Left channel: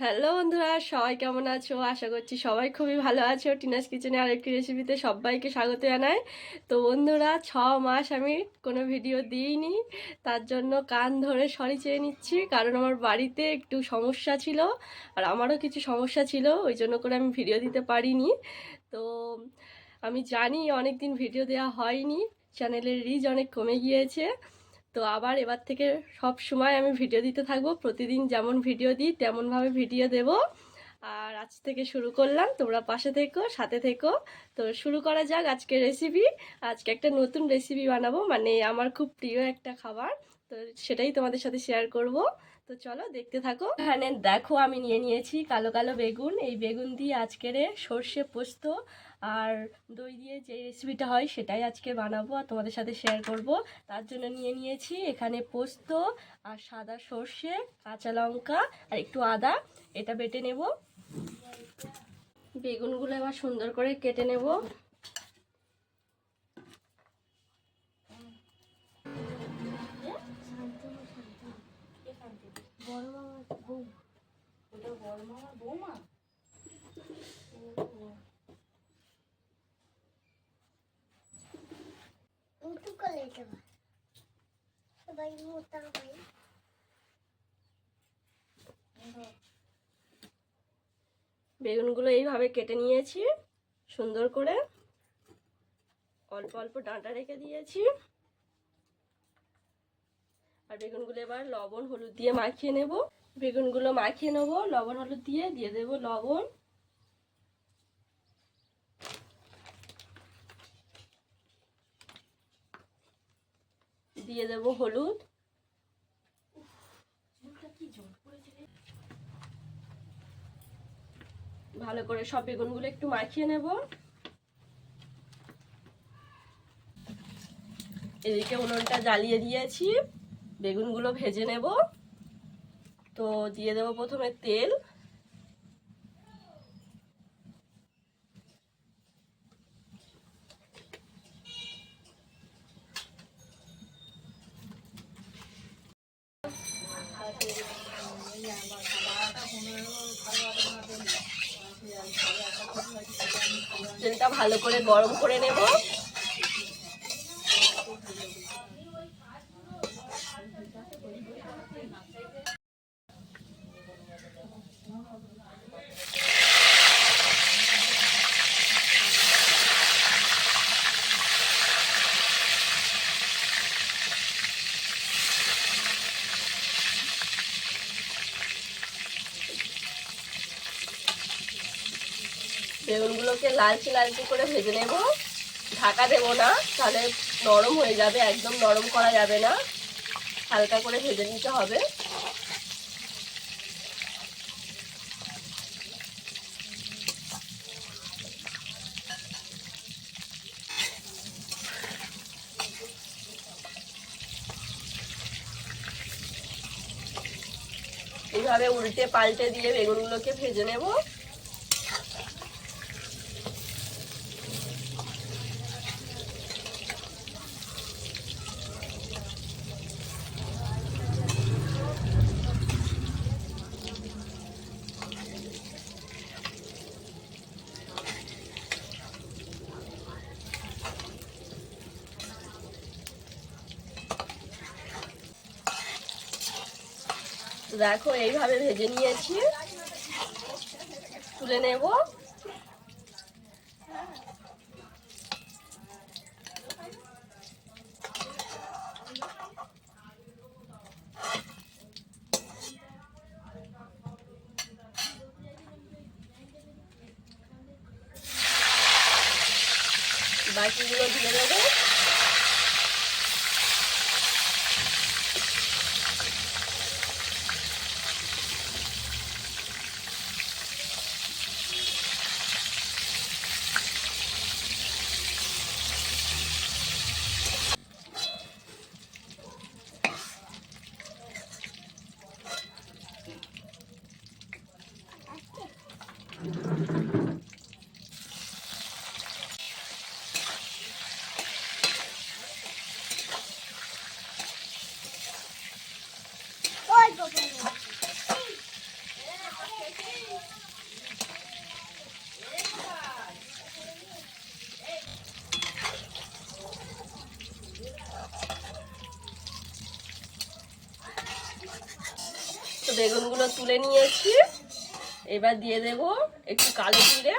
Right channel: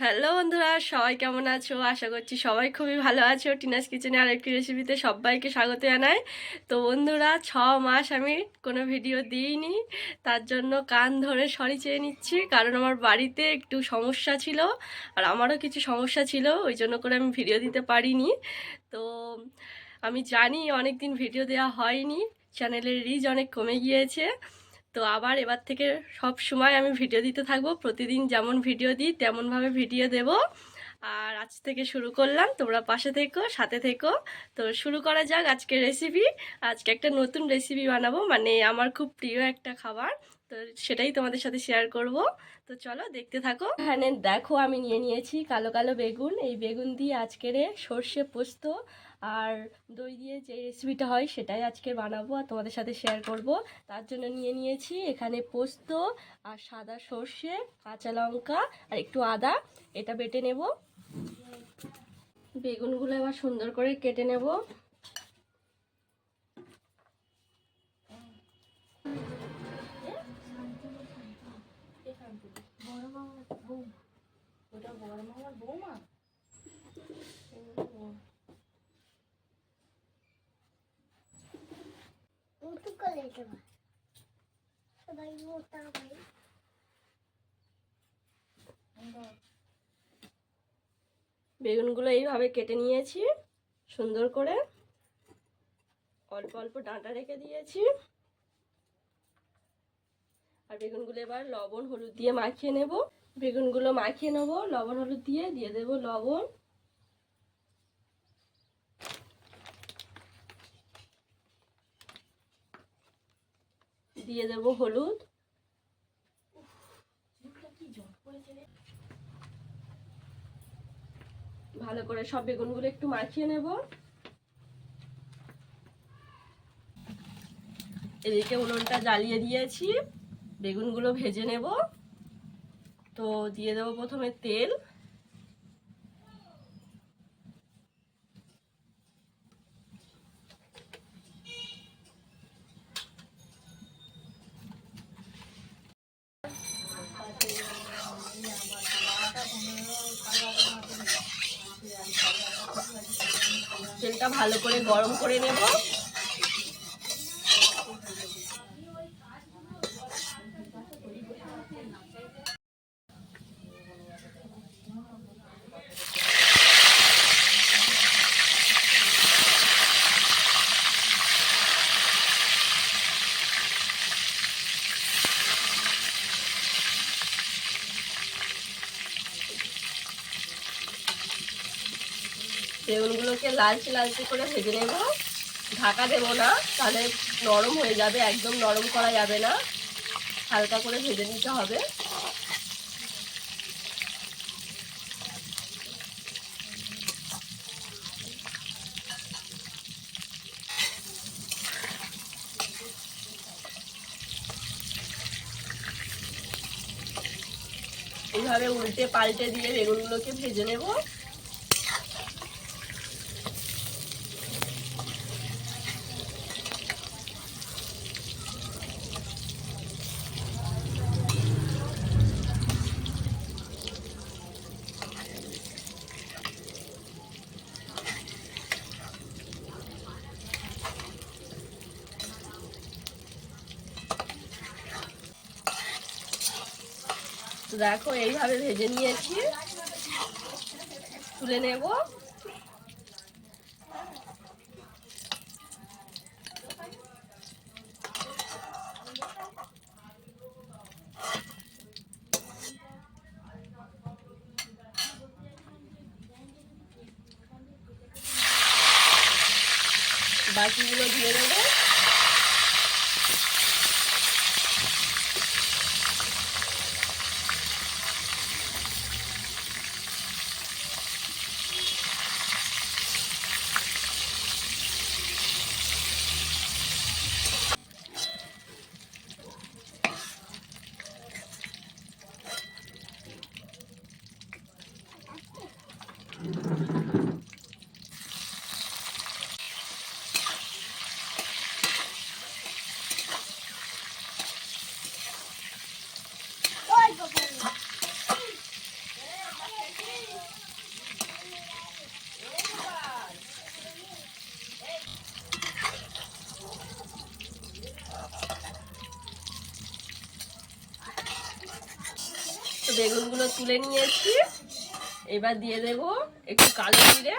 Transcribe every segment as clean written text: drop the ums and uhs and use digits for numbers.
Hello বন্ধুরা, সবাই কেমন আছো? আশা করছি সবাই খুবই ভালো আছো। টিনাস কিচেনে আরেকটি রেসিপিতে সবাইকে স্বাগত জানাই। তো বন্ধুরা, 6 মাস আমি কোনো ভিডিও দিইনি, তার জন্য কান ধরে সরি চেয়ে নিচ্ছি। কারণ আমার বাড়িতে একটু সমস্যা ছিল, আর আমারও কিছু সমস্যা ছিল, ওই জন্য করে আমি ভিডিও দিতে পারিনি। তো আমি জানি অনেক দিন ভিডিও দেওয়া হয়নি, চ্যানেলের রিচ অনেক কমে গিয়েছে। তো আবার এবার থেকে সব সময় আমি ভিডিও দিতে থাকবো, প্রতিদিন যেমন ভিডিও দিই তেমনভাবে ভিডিও দেব। আর আজ থেকে শুরু করলাম, তোমরা পাশে থেকো, সাথে থেকো। তো শুরু করা যাক আজকের রেসিপি। আজকে একটা নতুন রেসিপি বানাবো, মানে আমার খুব প্রিয় একটা খাবার। তো সেটাই তোমাদের সাথে শেয়ার করব। তো চলো দেখতে থাকো। এখানে দেখো, আমি নিয়ে নিয়েছি কালো কালো বেগুন। এই বেগুন দিয়ে আজকের সর্ষে পোস্ত আর দই দিয়ে যে রেসিপিটা হয় সেটাই আজকে বানাবো আর তোমাদের সাথে শেয়ার করব। তার জন্য নিয়ে নিয়েছি এখানে পোস্ত আর সাদা সর্ষে, কাঁচা লঙ্কা আর একটু আদা। এটা বেটে নেব। বেগুনগুলো এবার সুন্দর করে কেটে নেব। বেগুনগুলো এইভাবে কেটে নিয়েছি সুন্দর করে, অল্প অল্প ডাঁটা রেখে দিয়েছি। আর বেগুনগুলো এবার লবণ হলুদ দিয়ে মাখিয়ে নেব। বেগুনগুলো মাখিয়ে নেব লবণ হলুদ দিয়ে। দিয়ে দেব লবণ, দিয়ে দেব হলুদ, ভালো করে সব বেগুনগুলো একটু মাখিয়ে নেব। এদিকে উনুনটা জ্বালিয়ে দিয়েছি, বেগুনগুলো ভেজে নেব। তো দিয়ে দেব প্রথমে তেল, তেলটা ভালো করে গরম করে নেব। বেগুনগুলোকে লালচে লালচে করে ভেজে নেব। ঢাকা দেবো না, তাহলে নরম হয়ে যাবে, একদম নরম করা যাবে না, হালকা করে ভেজে নিতে হবে। এইভাবে উল্টে পাল্টে দিয়ে বেগুনগুলোকে ভেজে নেব। দেখো এইভাবে ভেজে নিয়েছি, তুলে নেব। বাকিগুলো দিয়ে দেবো। বেগুনগুলো তুলে নিয়েছি। এবার দিয়ে দেব একটু কালো জিরে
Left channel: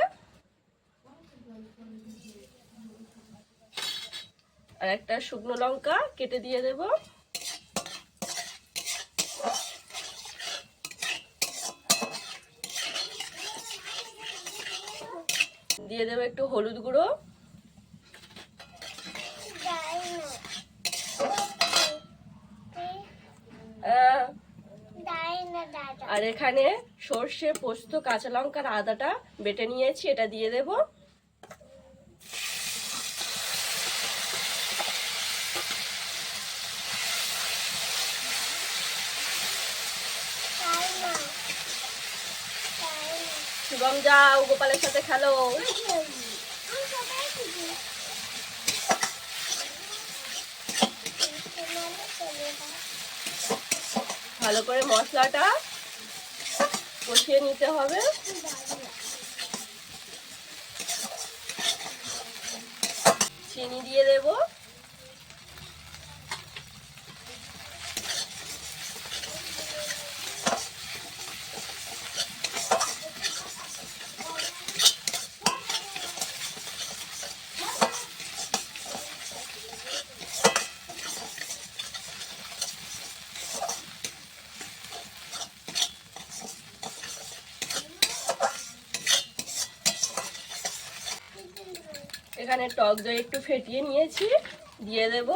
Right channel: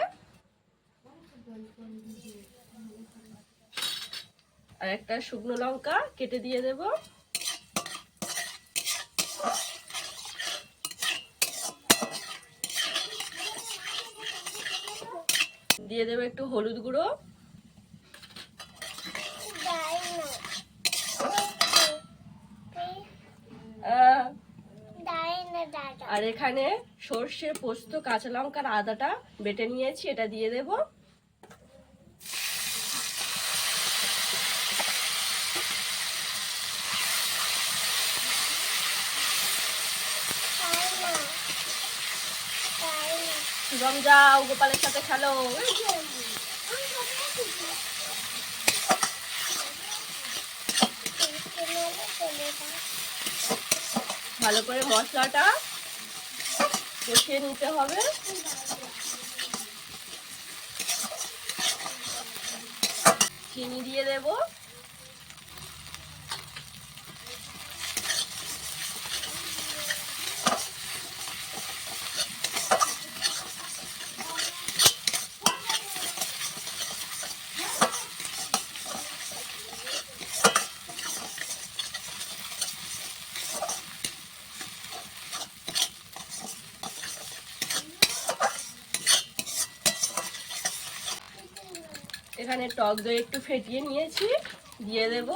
আর একটা শুকনো লঙ্কা কেটে দিয়ে দেব। দিয়ে দেব একটু হলুদ গুঁড়ো, আর এখানে সর্ষে, পোস্ত, কাঁচা লঙ্কার আদাটা বেটে নিয়েছি, এটা দিয়ে দেব। শুভম যাও, গোপালের সাথে খেলো। ভালো করে মশলাটা কষিয়ে নিতে হবে। চিনি দিয়ে দেব। এখানে টক দই একটু ফেটিয়ে নিয়েছি, দিয়ে দেব।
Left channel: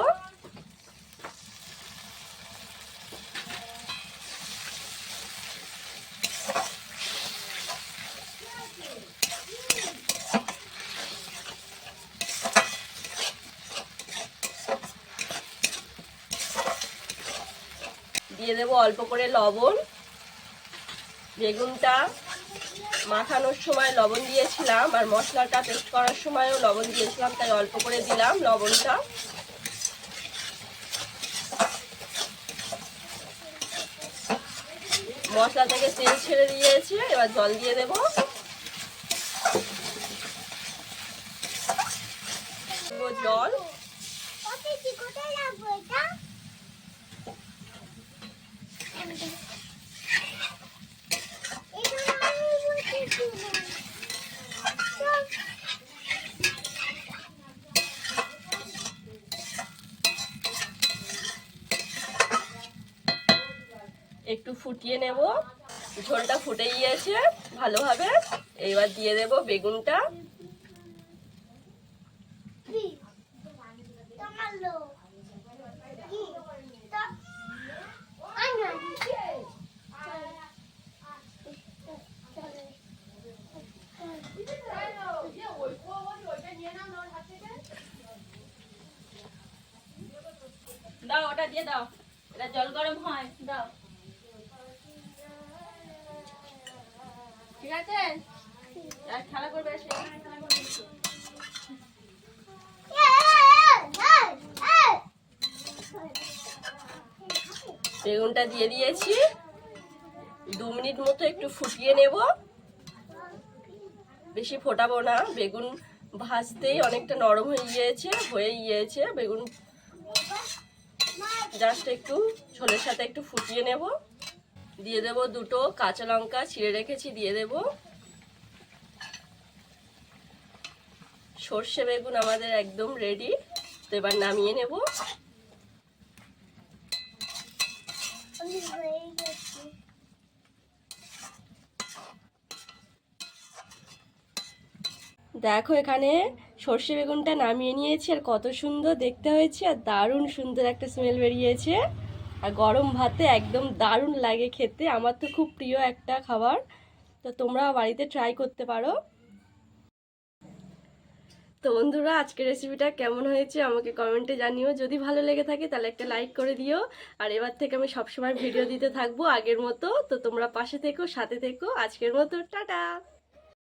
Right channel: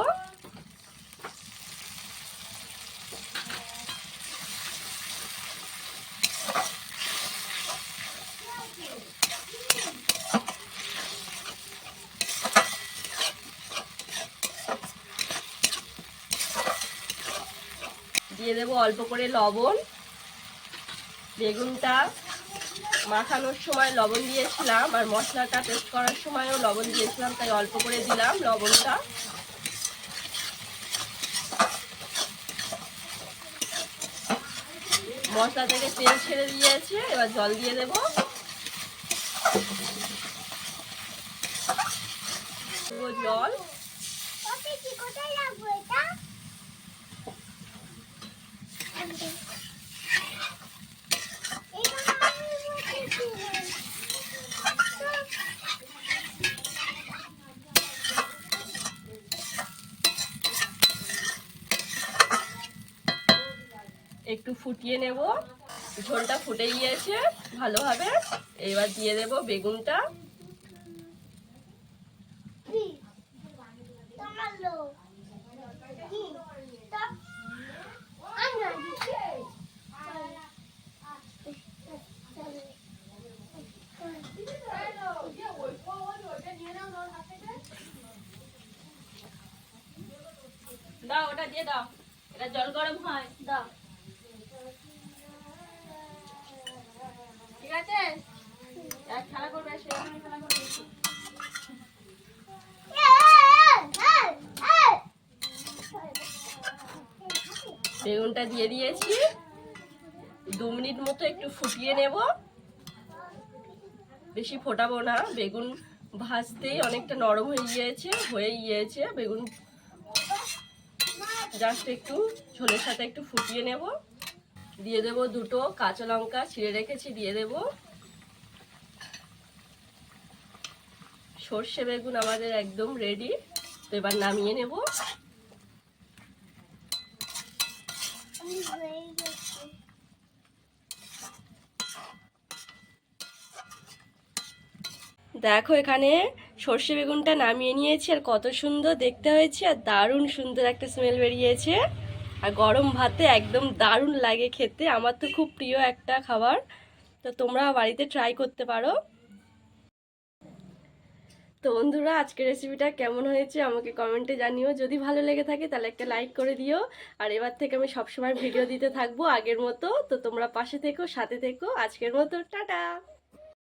দিয়ে দেব অল্প করে লবণ। বেগুনটা মাখানোর সময় লবণ দিয়েছিলাম আর মশলাটা পেস্ট করার সময়ও লবণ দিয়েছিলাম, তাই অল্প করে দিলাম লবণটা। মশলা থেকে তেল ছেড়ে দিয়েছি, এবার জল দিয়ে দেব। জল একটু ফুটিয়ে নেব। ঝোলটা ফুটে গিয়েছে ভালোভাবে। এবার দিয়ে দেব বেগুনটা। দাও, ওটা দিয়ে দাও, এটা জল গরম হয়, দাও। ঠিক আছে, খেলা করবে, খেলা করবে। বেগুনটা দিয়ে দিয়েছি, 2 মিনিট মতো একটু ফুটিয়ে নেব। বেশি ফোটাবো না, বেগুন ভাজতেই অনেকটা নরম হয়ে গিয়েছে বেগুন। জাস্ট একটু ঝোলের সাথে একটু ফুটিয়ে নেব। দিয়ে দেব 2টো কাঁচা লঙ্কা ছিঁড়ে রেখেছি, দিয়ে দেব। সর্ষে বেগুন আমাদের একদম রেডি। তো এবার নামিয়ে নেব। দেখো এখানে সর্ষে বেগুনটা নামিয়ে নিয়েছি, আর কত সুন্দর দেখতে হয়েছে, আর দারুণ সুন্দর একটা স্মেল বেরিয়েছে। আর গরম ভাতে একদম দারুণ লাগে খেতে। আমার তো খুব প্রিয় একটা খাবার। তো তোমরা বাড়িতে ট্রাই করতে পারো। তো বন্ধুরা, আজকের রেসিপিটা কেমন হয়েছে আমাকে কমেন্টে জানিও। যদি ভালো লেগে থাকে তাহলে একটা লাইক করে দিও। আর এবার থেকে আমি সবসময় ভিডিও দিতে থাকবো আগের মতো। তো তোমরা পাশে থেকো, সাথে থেকো। আজকের মতো টাটা।